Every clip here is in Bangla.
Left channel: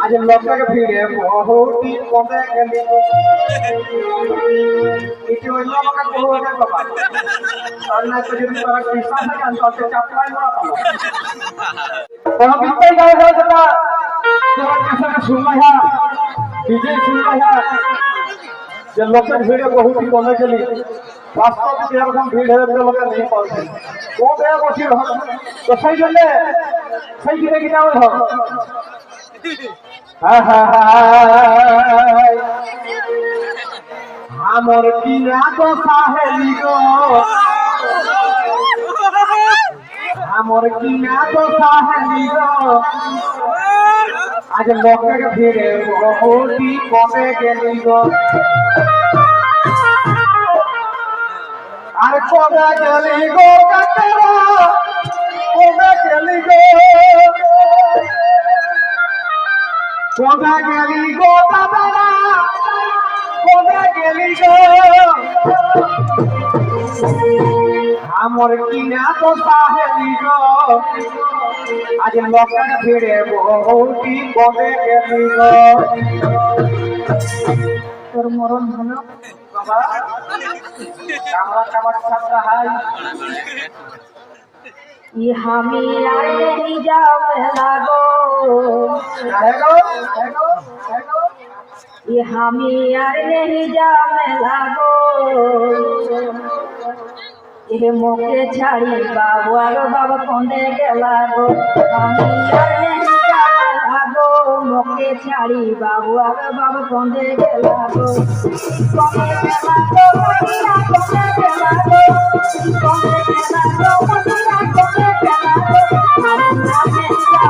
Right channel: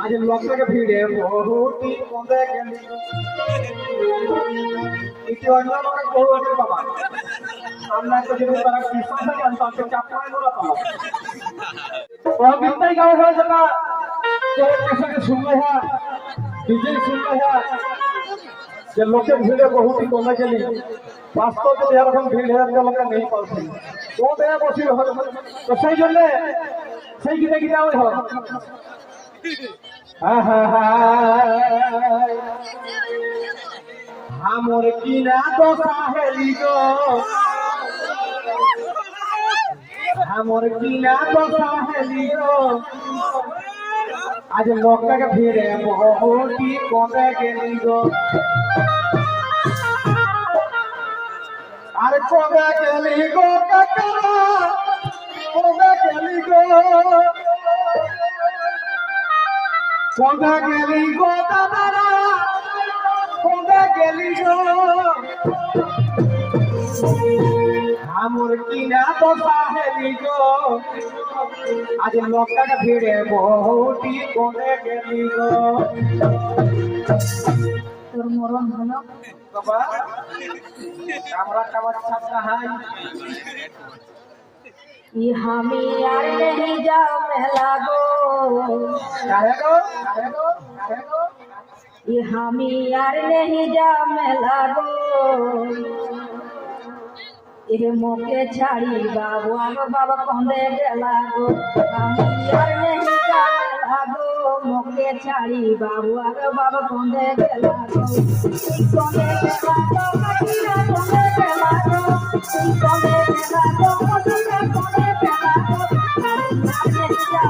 আজ লোকের ভিড়ে বহুটি কমে গেলি ইতি অন্য বহু লোকের বাবা আর না তো যদি তারা কৃষ্ণ থাকে অন্তত চাপলাই মরা পাবো ওহ বিপাই গায়ে হয়ে যেটা তোরা শুনলাই হা বিজয় হা যে লোকের ভিড়ে বহুটি কমে গেলি বাস্তবে এরকম ভিড় হয়ে লোকে নেই সেই জন্য সেই হয় হ্যাঁ হ্যাঁ হ্যাঁ আমার কিনা তো সাহেলি গো? আমার কিনা তো সাহেলি গো? আজ লোকের ভিড়ে বহুটি কমে গেলি গো? আর কবে গেলি গো কবে গেলি গো? কবে গেলি গো দাদারা কবে গেলি গো? আমার কিনা তো সাহেলি গো। আজ লোকের ভিড়ে বহুটি কবে গেলি গো? তোর মরণ হলো বাবা। কামড়া কামড় ছাত্র হাই ইহামি আর নেহি যাও মেলা গো ইহামি আর নেহি যাও মেলা গো এ মুখে ছাড়ি বাবু আর বাবা কন্দে গেলা গো আমি আর নেহি গো মুখে ছাড়ি বাবু আর বাবা কন্দে গেলা গো কন্দে গেলা গো কন্দে গেলা গো কন্দে গেলা গো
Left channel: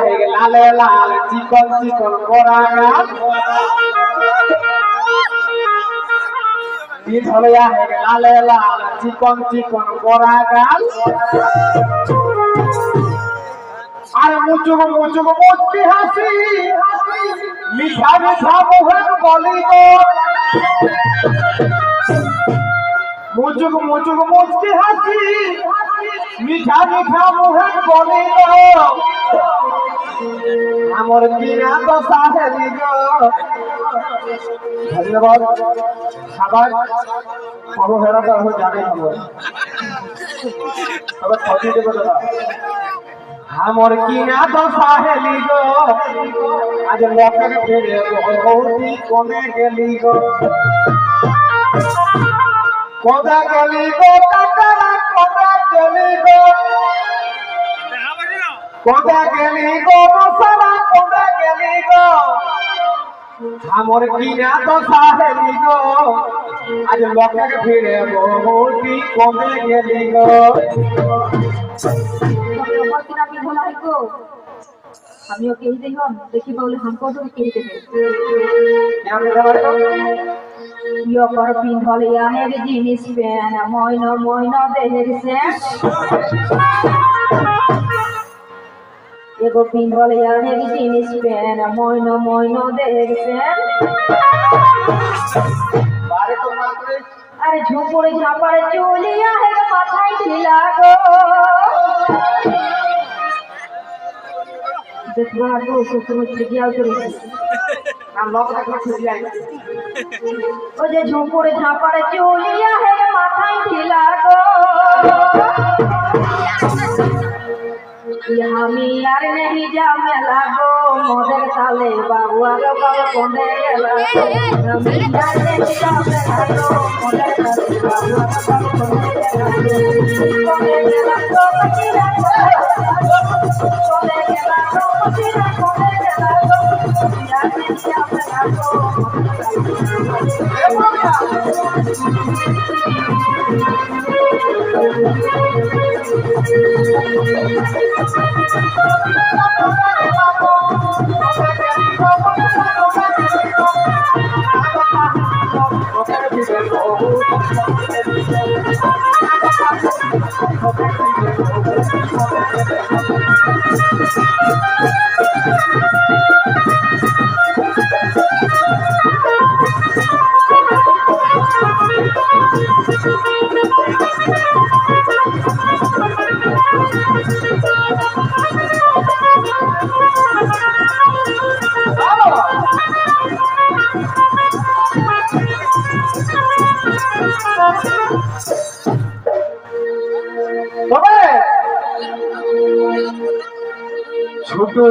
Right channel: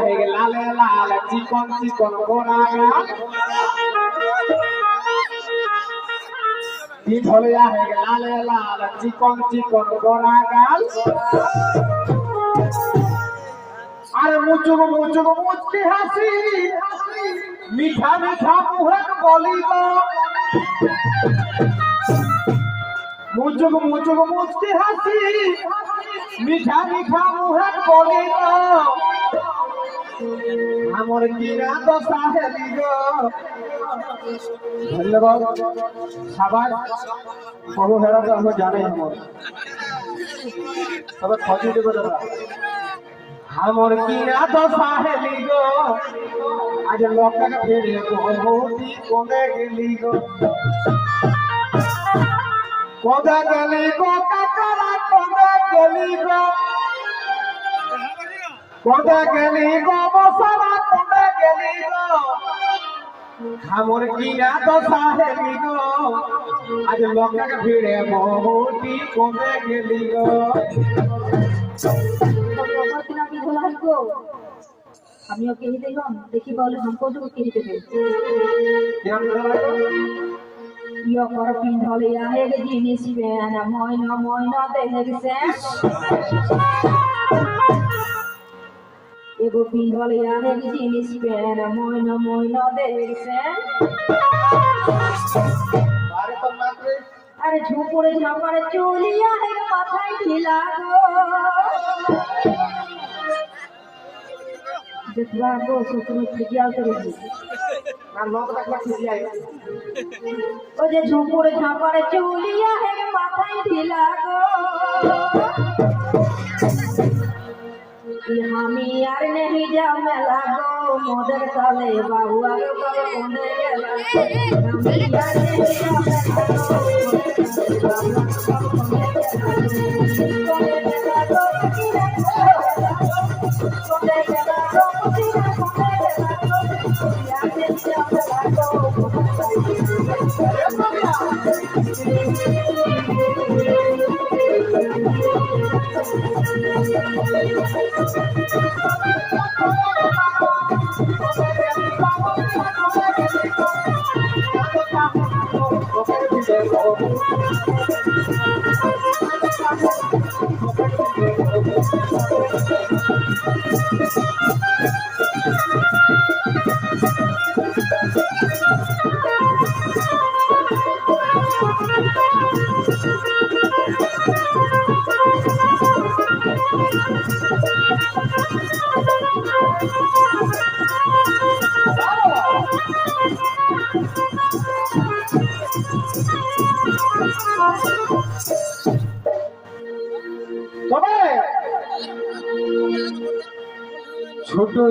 হয়ে গেল। লালে লাল চিকন চিকন গাল পিঠলে হয়ে গেল। লালে লাল চিকন চিকন বড়া গাল আর মুচুক মুচুক মুচকি হাসি। মিঠা মিঠা মুখের বলি গো। মুচুক মুচুক মুচকি হাসি। মিঠা বলি আমার কিনা তো সাহেলি গো। ধন্যবাদ। সবাই কোনো হেরা তো আমি জানি হব তবে খোঁজি দেবে দাদা। আমার কিনা তো সাহেলি গো। আজ লোকের ফিরে বহুতি কমে গেলি গো? কদা গেলি গো? কাকারা কদা গেলি গো? কদা গেলি গো মশারা কদা গেলি গো? আমার কিনা তো সাহেলি গো। আজ লোকের ভিড়ে বহুটি কমে গেলি গো? তোমার কিনা কি বলা আমিও কেহি দেখলাম দেখি বলে হামকো তো ইয় কর পিন্ধল ইয়াহের জিনিস পেন ময়ন ময়ন দেহের সে এগো পিন্ধল ইয়াহের জিনিস পেন বাড়ি তো মাত্রে আরে ঝুপুরে ঝাপারে চুলি ইয়াহের মাথায় ঢিলা গো। দেখবা গো শ্বশুর যায় ও যে ঝুপুরে ঝাপারে চুলিয়া হে মাথায় খিলা গো। আমি আর নেহি জামে লাগো মোদের তালে বাবু আর বাবা কোনে গেলা। আমি আর নেহি জামে লাগো মোদের তালে বাবু আর বাবা তবে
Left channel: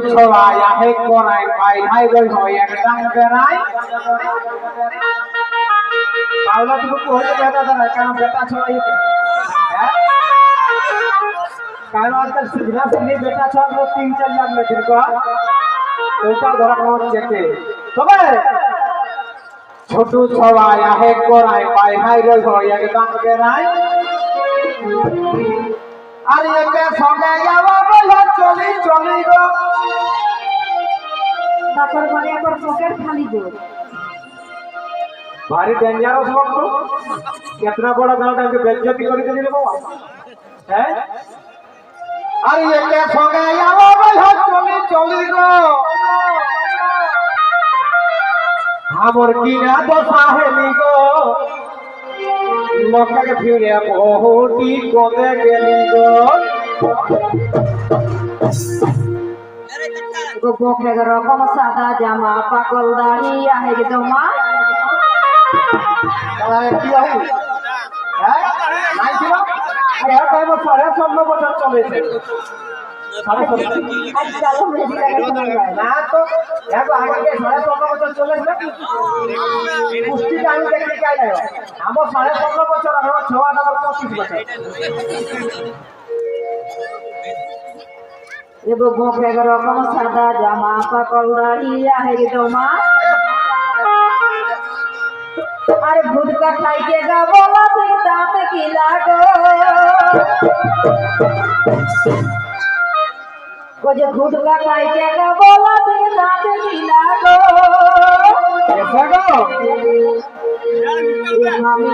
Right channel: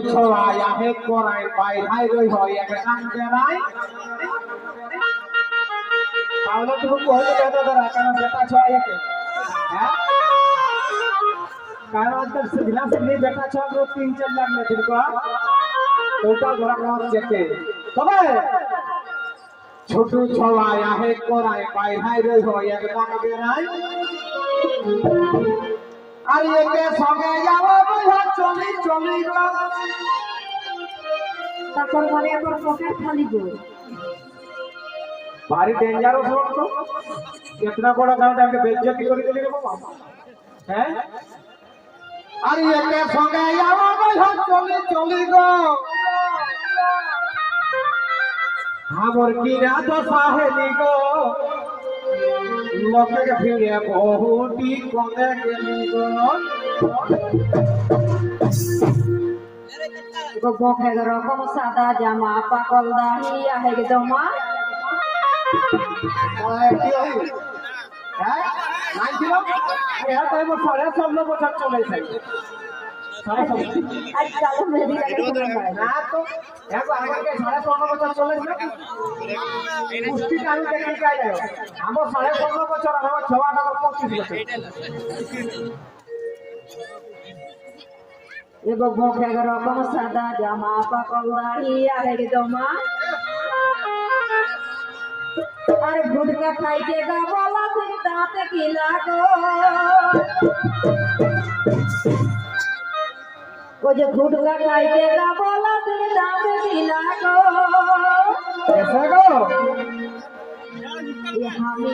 ছোট ছড়া আহে কোনায় পাই নাই গই হয়, এক ডাং বেড়াই পাওলা তুমি কইতে বেটা দাঁড়া কারণ বেটা ছড়া এতে হ্যাঁ? কারণ বেটা ছড়া তিন চার ধরা হচ্ছে কে তবে ছোট ছড়া আহে কোনায় পাই নাই হয়, এক আর একে সঙ্গে যাওয়া বলে চলি চলি গো। তারপর বলে, আবার পকেট খালি গো ভারী ডেঞ্জারস লোক তো কেতনা বড় গাঁওটাকে বেজ্জতি করে দিলি রে বাবা হ্যাঁ? আর একে সঙ্গে বলে চলি দশা গো। লোকটাকে ফিরে গেলি গো? গো বকে রকম সাদা জামা পাকল দাড়ি আহে গে জমা আর কয় বছর চলেছে সাড়ে যায় না তো আগে সাড়ে ষোলো বছর চলেছে পুষ্টিটা আমি দেখি কাই নাই আমার সাড়ে ষোলো বছর আমার ছয় আমার পঁচিশ বছর এগো গোপ রকম সাদা জামা পাকল দাড়ি আহের দমা। আর ভুটকা খাইকে গা বলা তুই দাঁত কি লাগো? ও যে ভুটকা খাইকে গা বলা তুই কি লাগো? মামি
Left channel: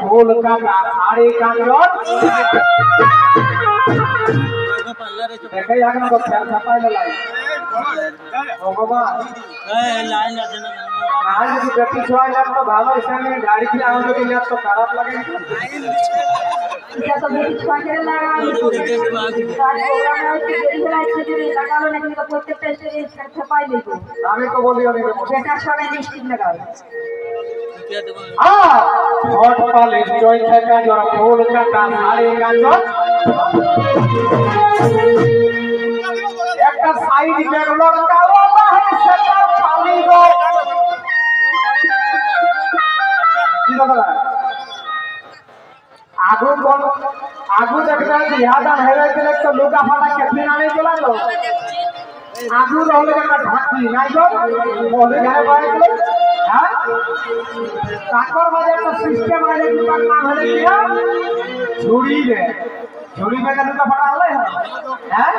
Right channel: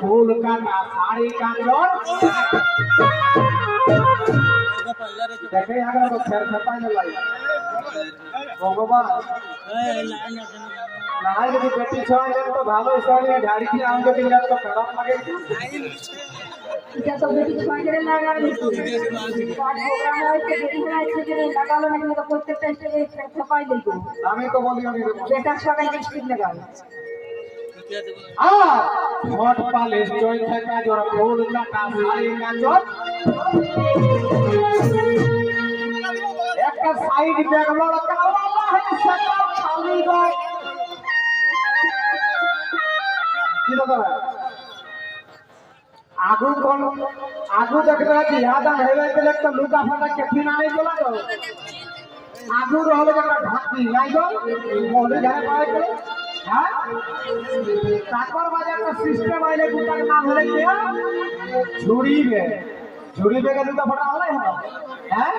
ফুল কাটা শাড়ি কাজর দেখে এখন তো ফের ছাপাই লাই। ভগবান না যদি বেটি ছয় যাক তো ভালো হিসাবে গাড়ি কিনে আমাদের কিনলে তো খারাপ লাগে। আমি না তো বলি। আমি তো বলি। বেটার ছড়াই মিষ্টি লাগাও আ হট পালিশ চয়খে কাজর ফুল কাটা শাড়ি কাজর একটা সাইড ব্যাগ লটকাও সেটা খালি গো কি দাদা? আগু কোন আগু দেখলে বিহাদা হেরে গেলে তো লুকা ফাটা কেফি নামে তো আগু ঢাকি, নাই গো? মহলে হ্যাঁ। তাকর মাঝে একটা সিস্টেম আছে দোকান নাম হলে কি রে ছুরি বেগে দুটো ফটা আনলে হ্যাঁ।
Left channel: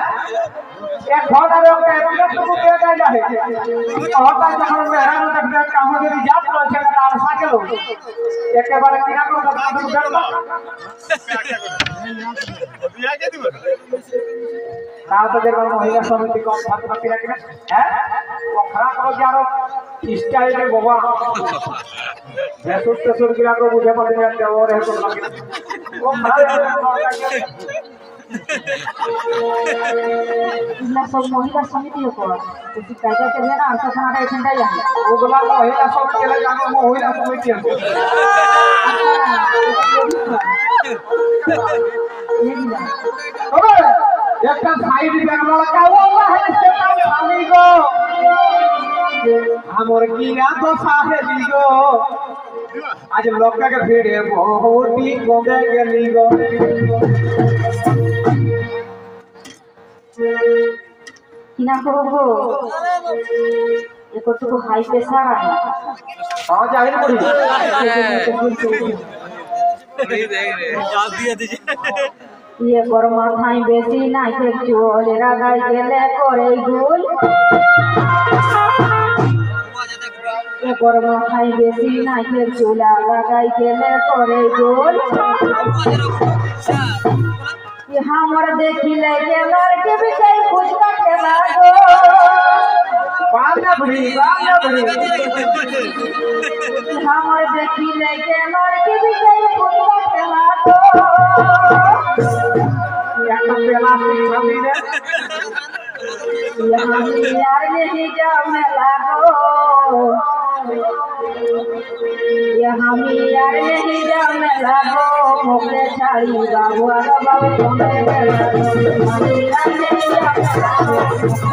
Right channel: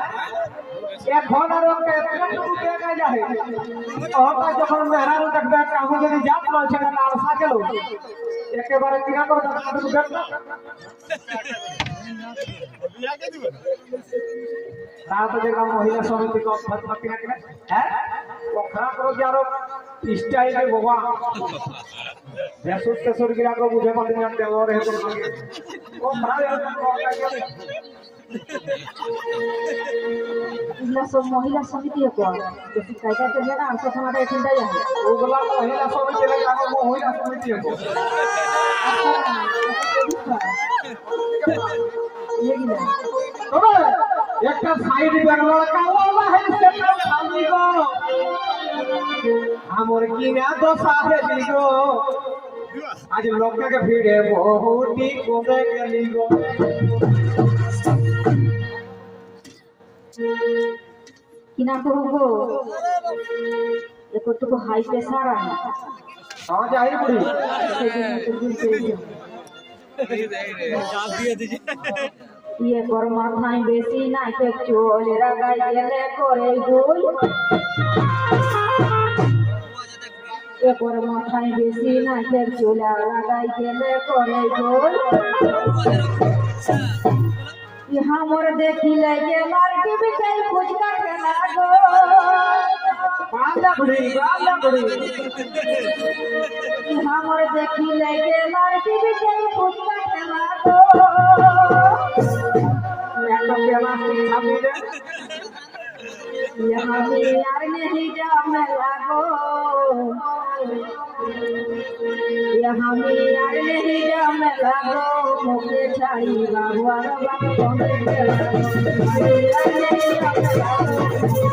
এক ঘণ্টার ওকে এতটুকু দিয়ে দেয় যাবে। হঠাৎ যখন মেহরান একটা একটা আর কিনা তাও মহিলা সমিতি কম ফাতমা কিনা কিনা। হ্যাঁ? করে যে আরও বাবা ভেসুর টেসুর বুঝে না লাগে। সব মহিলা সমিতি বেশি করলে না আন্তখানাটা এখানটাই যাবে ওগুলা মহিলা সমিতি আমি মহিলা সমিতি একটা সাইড ব্যাগ লড়কা ও আল্লাহ আমার কি না দশা হেলি গো আজ লোকটাকে ভিড়ে বহুটি কমে গেলি গো কি নাম করব গো? একটুকু হাই প্রেশার পাওয়া যায় না করি ইয়ে কর মাথায় বেশি নাই চল রাগাই গেলে করে গুল এ কর মাথায় বেশি নাই চুলা রাগাই গেলে করে গুল हमर देखिले के लड़के भी कई फुचका खेला गो पांडा बुढ़ी पांडा बुढ़ी हमर देखिले के लड़के भी कई फुचका खेला गो একটা পেলা সামনে নে यहाँ यार नहीं जाओ में लागो यहाँ यार नहीं जाओ में लागो मोके छाड़ी बाबू आरो बाबू कोने के लागो हम यार नहीं जाओ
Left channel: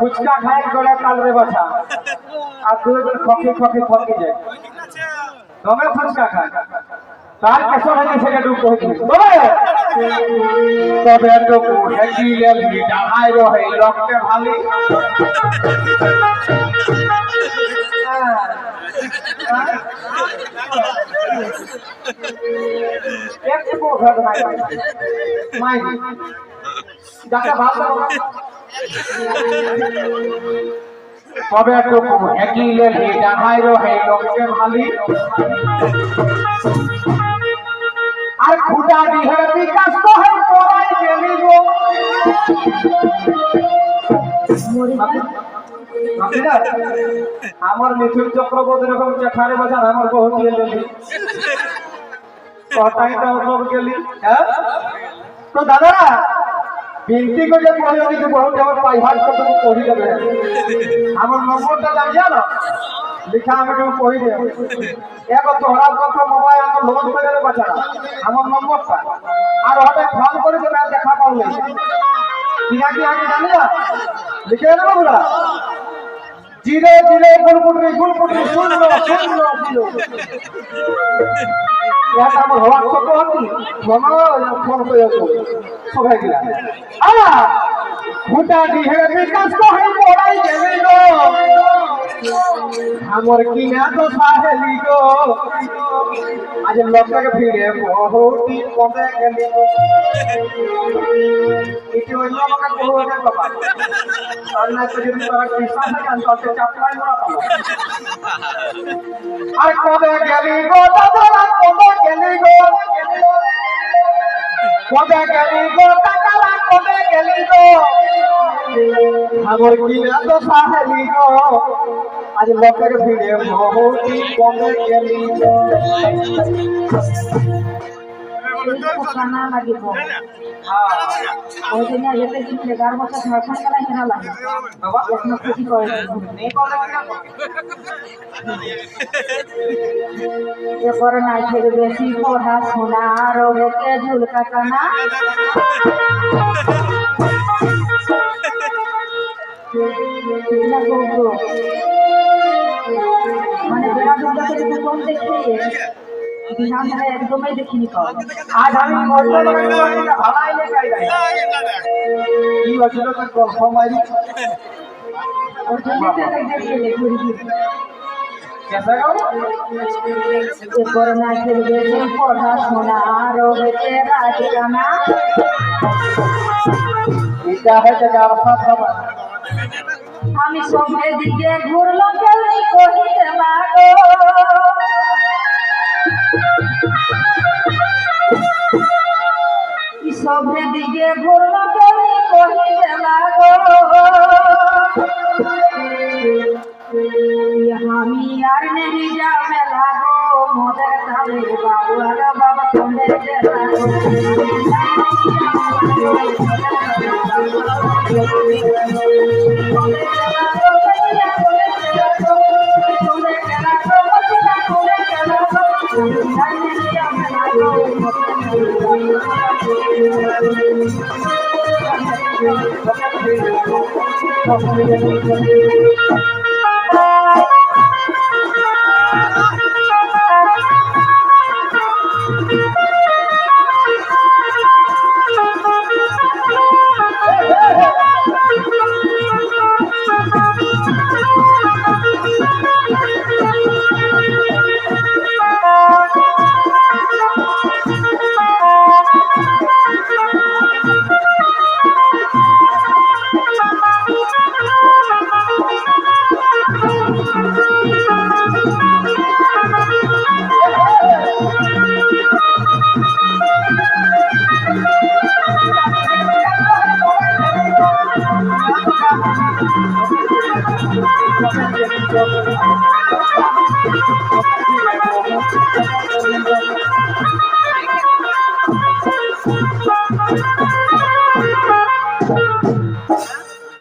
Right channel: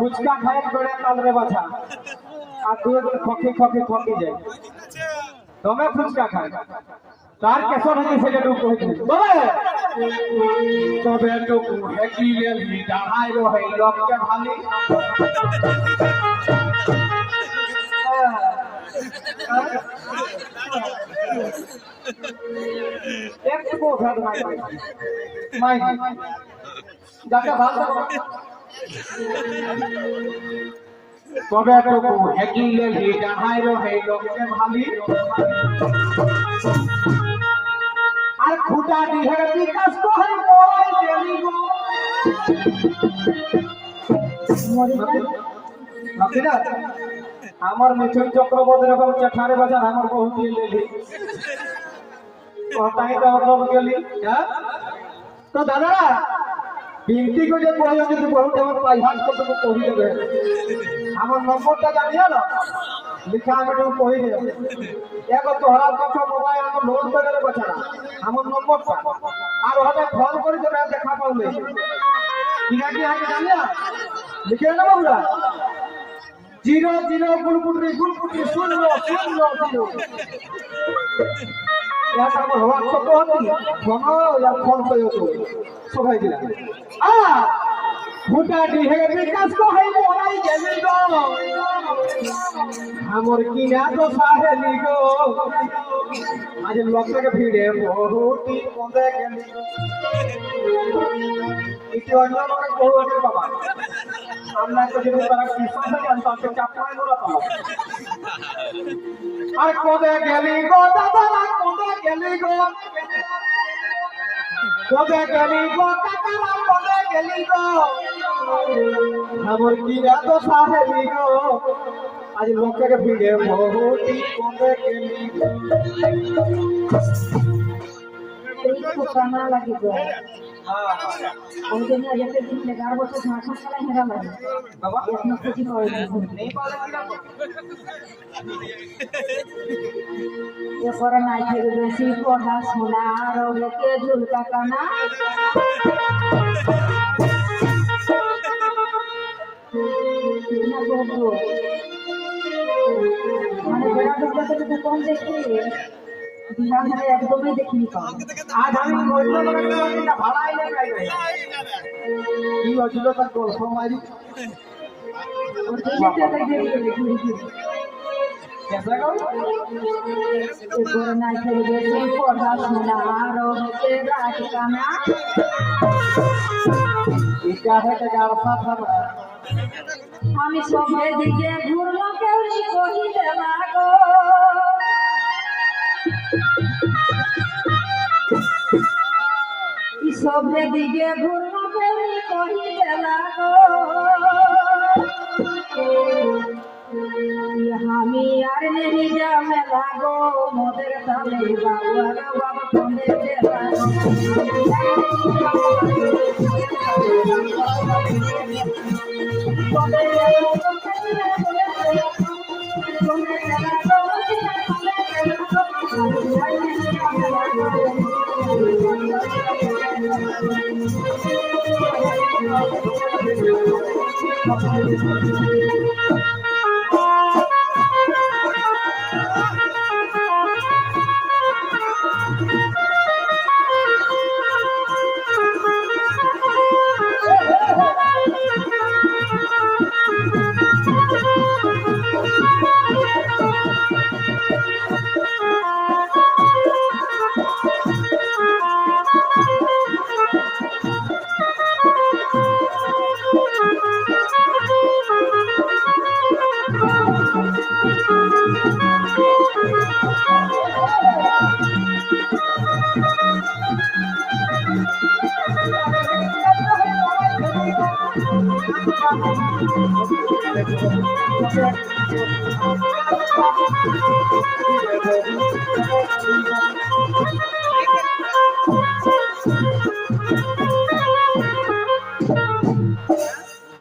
ফুচকা খায় গলে তালরে বাছা আর দু একদিন খকি খকি খকি যায়। তবে ফুচকা খায়। তার কেসর হয়ে সেটা ডুব কই তবে তো হেডি লেলি ডাহাই রহে রক্তে ভালি। একটু ভেদ নাই মাই যাকে ভালো তবে একটু হেডি লেলি ডাহাই রহে রক্তে ভালি আর খুঁটা দিহে বিকাশ কহে পড়াই গেলি গো মরি যায় ভাবিনা, আমার মিথুন চক্রবর্তী এরকম চেঠারে বাজান আমার বহু দিয়ে গেলি। কথাই তো গেলি হ্যাঁ? তো দাদা করে যে কহিল কিন্তু বহুত আমার পাইভার কথা কহি দেবে আমার নম্বরটা জানিয়া না লিখা আমি তুমি কহি দে এক তোহরার কথা মোবাইল আমার লোন করে বাচ্চারা। আমার নম্বরটা। আর হবে ফোন করে আর দেখা পাওলে কিনা কি আমি জানি না। লিখে দেবো ওরা জিরো জিরো গুলপুটরি গুলপুটরি শূন্য শূন্য ইয়াত আমার হোয়াটসঅ্যাপ হতি মনে আর ফোন করে সবাই গিলা আ বিকাশ গেলি গো। আমার কিনা তো সাহেলি গো। আজ লোকের ভিড়ে বহুটি পদে গেলি এটি অন্য লোকে গৌরবের বাবা। আর না তো যদি তারা কৃষ্ণ থাকে অন্তত চাপলাই মোড়া পাবো আর কবে গেলি গো, দাদা? কবে গেলি গো? কবে গেলি গো কাকারা কবে গেলি গো? আমার কিনা তো সাহেলি গো। আজ লোকের ভিড়ে বহুটি কবে গেলি না লাগিব ওই জন্য যেতে কিন্তু এগারো বছর ঝাড়খণ্ড খেলা হেরা লাগে এখনও করে এরপরে নাই থেকে বেশি পড়াশোনা রোগেকে ঝুলকা কানা না করব মানে বেড়া দুর্গাকে যদি কম দেখি বিহার মানে একদমই দেখিনি পাওয়া আজ আমি ভালাই কি হয়েছিল তার মারি। ওর জন্য তো এটা দেখি ঘুরি ঘুরি কেসে গো এরপরে নাই থেকে বেশি পড়াশোনা রোগেকে রাজকানা এটা হচ্ছে আমি সবে দিকে ঘুরলো ই সবে দিকে ঘুরলো কেমনি কহিতে লাগো। Thank you.